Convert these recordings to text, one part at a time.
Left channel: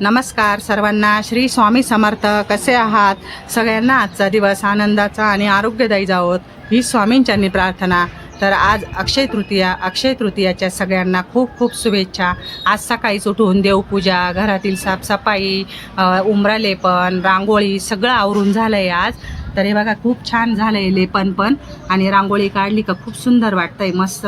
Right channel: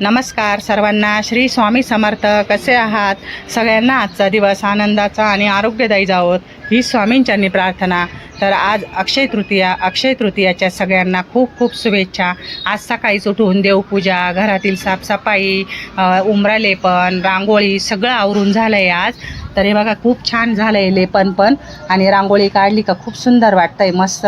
नमस्कार सर्वांना. श्री स्वामी समर्थ कसे आहात? सगळ्यांना आजचा दिवस आनंदाचा आणि आरोग्यदायी जावोत ही स्वामींच्यांनी प्रार्थना. तर आज अक्षय तृतीया अक्षय तृतीयाच्या सगळ्यांना खूप खूप शुभेच्छा. आज सकाळीच उठून देवपूजा घरातील साफसफाई अ, लेपन रांगोळी सगळं आवरून झालं आहे आज. तर हे बघा खूप छान झालं आहे लेपन पण आणि रांगोळी काढली का खूप सुंदर वाटतं आहे मस्त.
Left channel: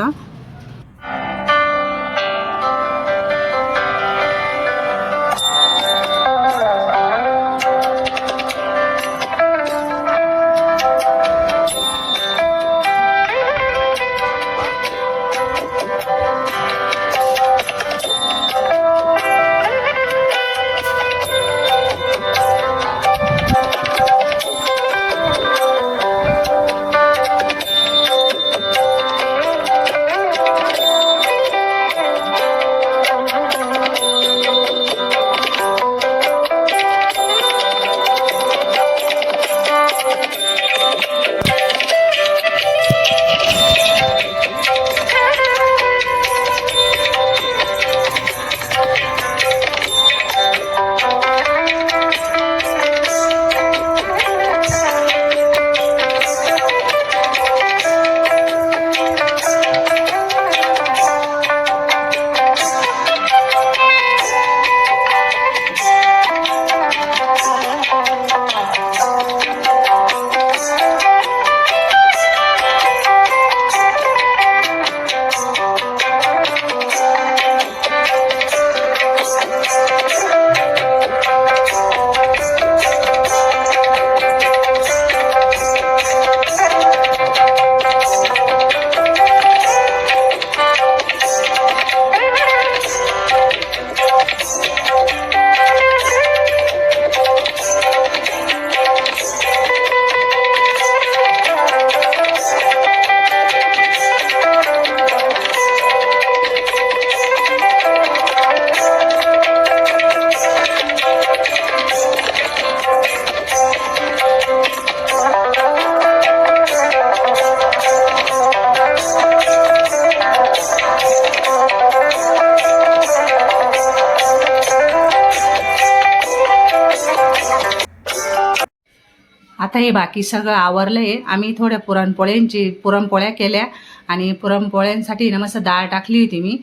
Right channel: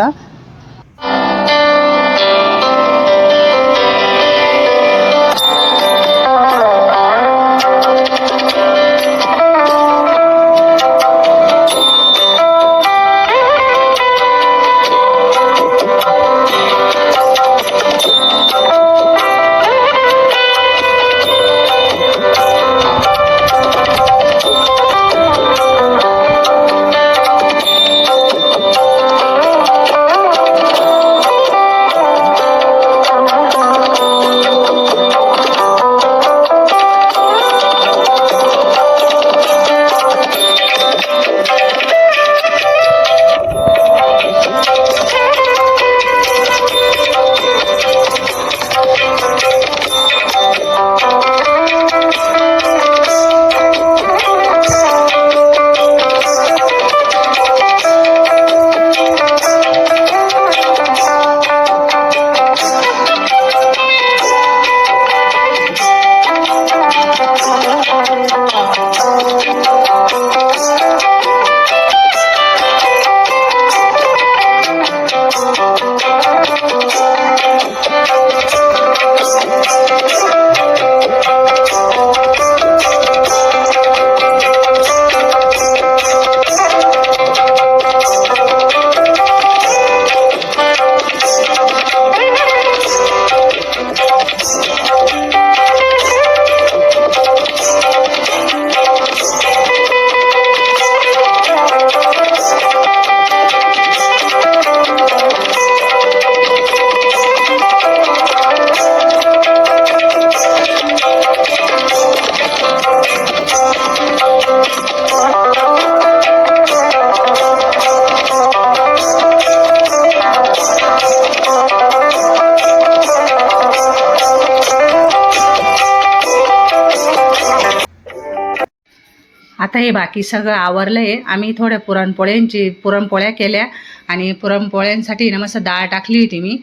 आता हे बाकी सगळं आवरलं आहे आम्ही थोड्या पुरणपोळ्यांची पुरणपोळ्या केल्या आणि पुरणपोळ्यांसाठी ना मस्त डाळ टाकली होती मी.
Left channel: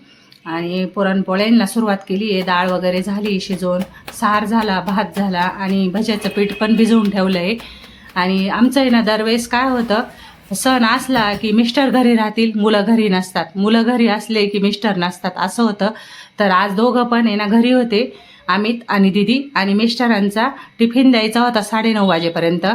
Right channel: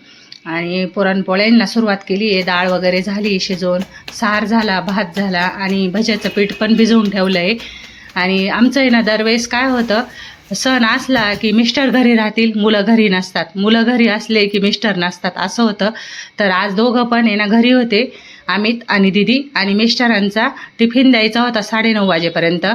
आणि पुरणपोळ्यांना सुरुवात केली आहे. डाळ वगैरे झाली शिजवून सार झाला भात झाला आणि भज्याचं पीठ पण भिजवून ठेवलं आहे आणि आमचं आहे ना दरवेळेस काय होतं सण असला की मिस्टर घरी राहतील मुलं घरी नसतात. मुलं घरी असले की मिस्टर नसतात असं होतं. तर आज दोघं पण आहे ना घरी होते. अमित आणि दिदी आणि मिस्टरांचा टिफिन द्यायचा होता साडेनऊ वाजेपर्यंत.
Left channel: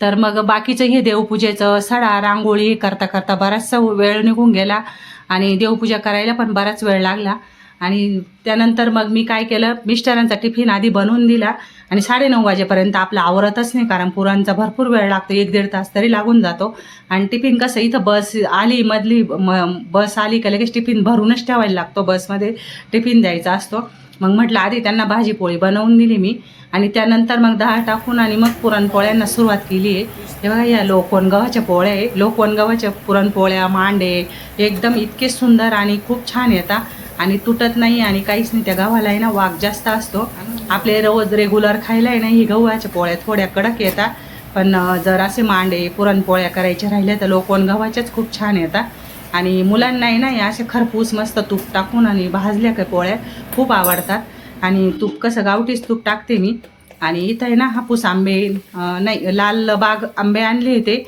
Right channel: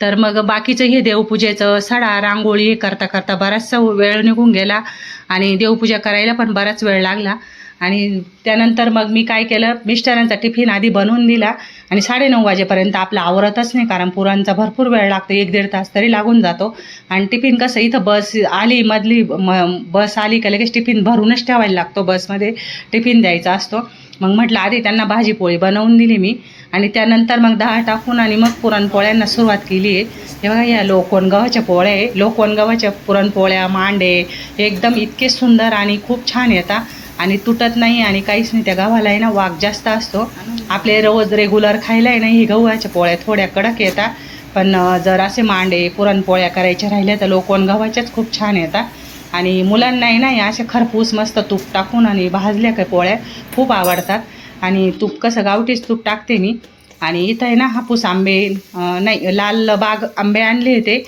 तर मग बाकीचं हे देवपूजेचं सडा रांगोळी करता करता बराचसा वेळ निघून गेला आणि देवपूजा करायला पण बराच वेळ लागला. आणि त्यानंतर मग मी काय केलं? मिस्टरांचा टिफिन आधी बनवून दिला आणि साडेनऊ वाजेपर्यंत आपला आवरतच नाही कारण पुरांचा भरपूर वेळ लागतो एक दीड तास तरी लागून जातो. आणि टिफिन कसं इथं बस आली मधली म बस आली का लगेच टिफिन भरूनच ठेवायला लागतो बसमध्ये टिफिन द्यायचा असतो. मग म्हटलं आधी त्यांना भाजी पोळी बनवून दिली मी. आणि त्यानंतर मग दहा टाकून आणि मग पुरणपोळ्यांना सुरुवात केली आहे. हे बघा या लोकवन गव्हाच्या पोळ्या आहे. लोकवन गव्हाच्या पुरणपोळ्या मांडे एकदम इतके सुंदर आणि खूप छान येतात. आणि तुटत नाही आणि काहीच नाही. त्या गव्हाला आहे ना वाघ जास्त असतो. आपले रोज रेग्युलर खायला आहे ना ही गव्हाच्या पोळ्या थोड्या कडक येतात. पण जर असे मांडे पुरणपोळ्या करायच्या राहिल्या तर लोकवण गव्हाच्याच खूप छान येतात. आणि मुलांना आहे ना या अशा खरपूस मस्त तूप टाकून आणि भाजल्या काय पोळ्या खूप आवडतात. आणि तूप कसं गावठीच तूप टाकते मी. आणि इथं आहे ना हापूस आंबे नाही लाल बाग आंबे आणले होते.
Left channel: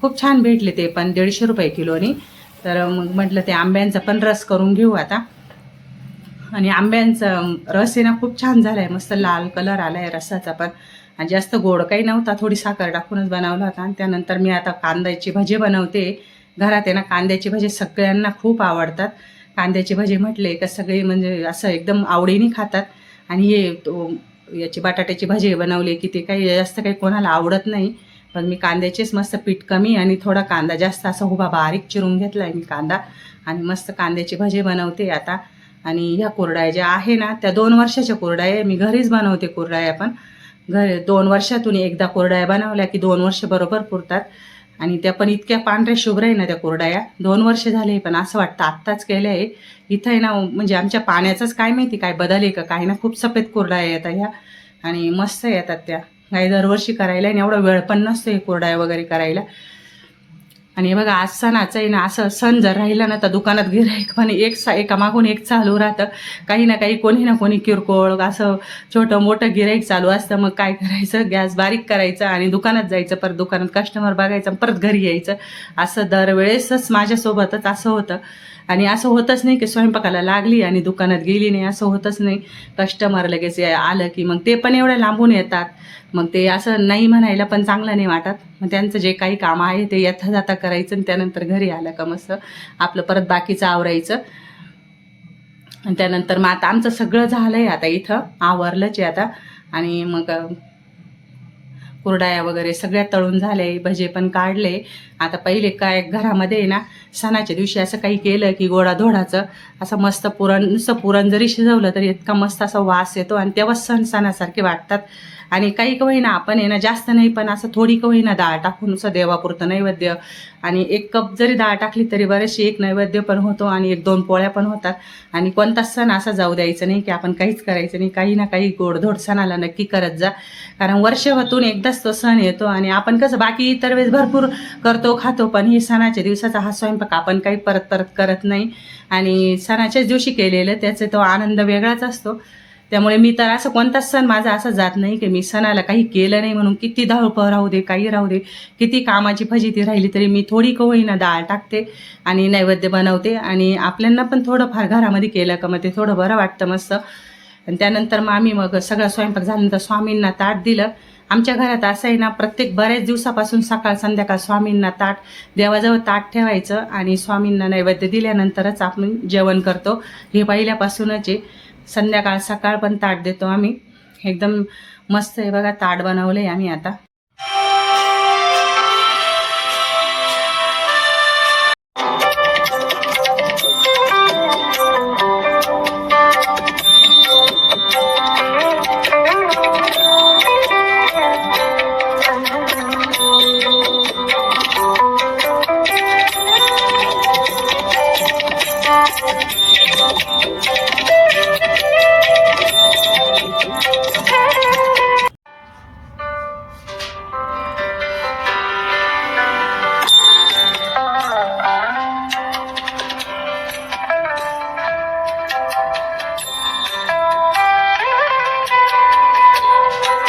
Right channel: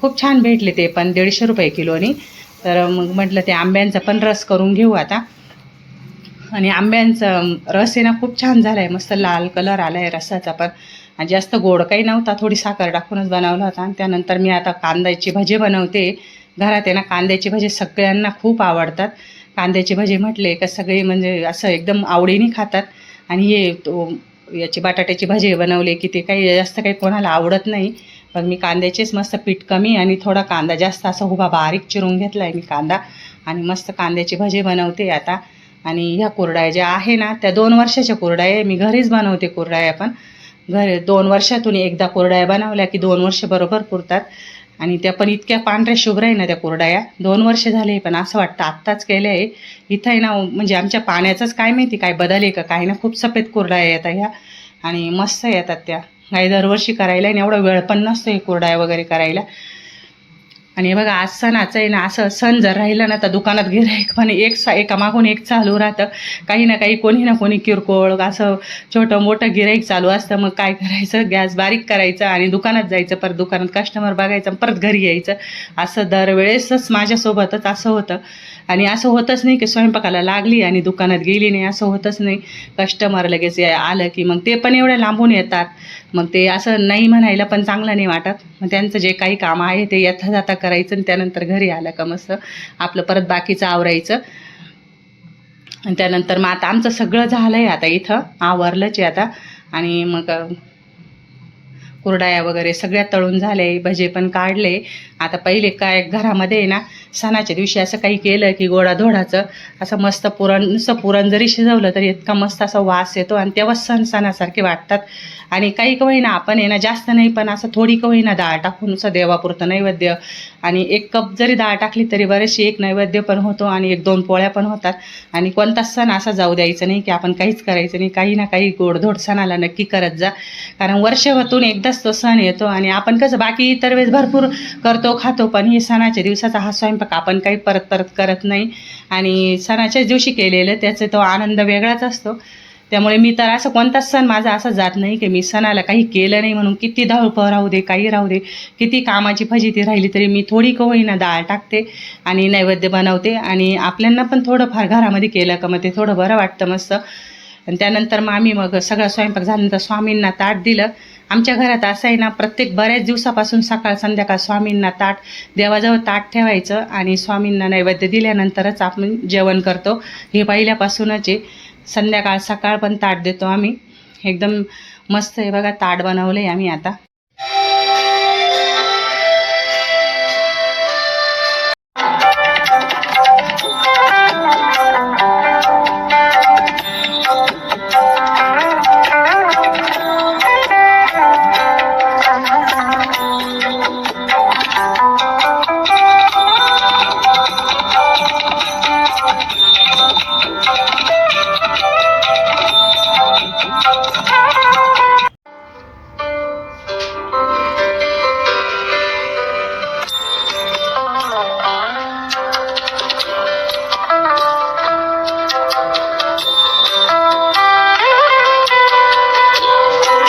खूप छान भेटले ते पण दीडशे रुपये किलोनी. तर मग म्हटलं ते आंब्यांचा पण रस करून घेऊ आता. आणि आंब्यांचा रस आहे ना खूप छान झाला आहे मस्त लाल कलर आला आहे रसाचा पण. आणि जास्त गोड काही नव्हता थोडी साखर टाकूनच बनवला होता. आणि त्यानंतर मी आता कांद्याची भजे बनवते. घरात आहे ना कांद्याची भजे सगळ्यांना खूप आवडतात. कांद्याची भजे म्हटले का सगळे म्हणजे असं एकदम आवडीने खातात. आणि हे तो याची बटाट्याची भजे बनवले की ते काही जास्त काही कोणाला आवडत नाही. पण मी कांद्याचेच मस्त पीठ कमी आणि थोडा कांदा जास्त असा उभा बारीक चिरून घेतला आहे मी कांदा. आणि मस्त कांद्याची भजे बनवते आता. आणि ह्या कुरड्या ज्या आहे ना त्या दोन वर्षाच्या कुरड्या आहे. मी घरीच बनवते कुरड्या पण. घर दोन वर्षातून एकदा कुरड्या बनवल्या की दोन वर्ष बरोबर पुरतात. आणि त्या पण इतक्या पांढऱ्या शुभ्र आहे ना त्या कुरडाया. दोन वर्ष झाले पण असं वाटतं आत्ताच केलं आहे. इथं आहे ना म्हणजे आमच्या पाण्याचंच काय माहिती काय बदल आहे का? काही ना खूप सफेद कुरडाया येतात ह्या. आणि मस्त येतात त्या. काही दरवर्षी करायला आणि एवढा वेळ पण नसतो हे कुरडाया वगैरे करायला. आणि बघा आज सणाचं आहे ना असं सण जर राहिला ना तर दुकानात गिराईक पण एक सा एकामागून एक चालू राहतं. काही ना काही कोणी ना कोणी किरकोळ असं छोटं मोठं गिराईक चालू असतं. मग काय करायचं? गॅस बारीक करायचं आणि दुकानात जायचं परत दुकानात कस्टमर बघायचं परत घरी यायचं. असं दरवेळेसच माझ्यासोबतच असं होतं. आणि असं होतच नाही की स्वयंपाकाला लागली आणि दुकानात गेली नाही असं होतच नाही. कस्टमर लगेच या- आलं की मग ते पण एवढ्या लांबून येतात. मग ते असं नाही म्हणायला पण चांगलं नाही वाटत. मग त्यांचं जे काही काम आहे ते यथा जाता करायचं आणि त्यानंतर घरी आलं का मस्त. आपलं परत बाकीचं आवरायचं. आणि त्यानंतर मग आता आमचं सगळं झालं आहे आता इथं. आवरलंच आहे आता. आणि मग कुरडाया वगैरे सगळ्या तळून झाले भजे पण काढले. आता पहिले काय घरामध्ये आहे ना सणाच्या दिवशी असं काही केलं की गोडाधोडाचं असं मस्त पुरण नुसतं पुरण जरी शिजवलं तरी इतका मस्त असा वास येतो आणि तेव्हा सण सणासारखे वाटतात. आणि काही का होईना आपण आहे ना जास्त नाही पण असं थोडी का होईना डाळ टाकून असं देवापुरतं नैवेद्य आणि एक कप जरी डाळ टाकली तरी बरेचशी एक नैवेद्य पण होतो आणि एक दोन पोळ्या पण होतात. आणि कोणताच सण असा जाऊ द्यायचं नाही की आपण काहीच करायचं नाही. काही ना काही गोडधोड सणाला नक्की करत जा. कारण वर्षभरतून एकदाच तो सण येतो आणि आपण कसं बाकी इतर वेळेस भरपूर करतो खातो पण हे सणाच्या दिवसाचा हा स्वयंपाक आपण काही परत परत करत नाही. आणि सणाच्याच दिवशी केलेलं त्याचा तो आनंद वेगळाच असतो. त्यामुळे मी तर असं कोणताच सण माझा असा जात नाही की मी सणाला काही केलं नाही म्हणून किती धावपळ राहू दे काही राहू दे किती कामाची फजिती राहिली तरी मी थोडी का होईना डाळ टाकते आणि नैवेद्य बनवते आणि आपल्यांना पण थोडंफार घरामध्ये केलं का मग ते थोडं बरं वाटतं मस्त. आणि त्यानंतर मग आम्ही मग सगळा स्वयंपाक झाल्यानंतर स्वामींना ताट दिलं. आमच्या घरात असं आहे ना प्रत्येक बऱ्याच दिवसापासून सकाळ संध्याकाळ स्वामींना ताट देवाजवळ ताट ठेवायचं आणि स्वामींना नैवेद्य दिल्यानंतरच आपण जेवण करतो. हे पहिल्यापासूनच आहे. संध्याकाळ सकाळ पण ताट देतो आम्ही. एकदम मस्त आहे बघा ताट बनवलं आहे आम्ही आता.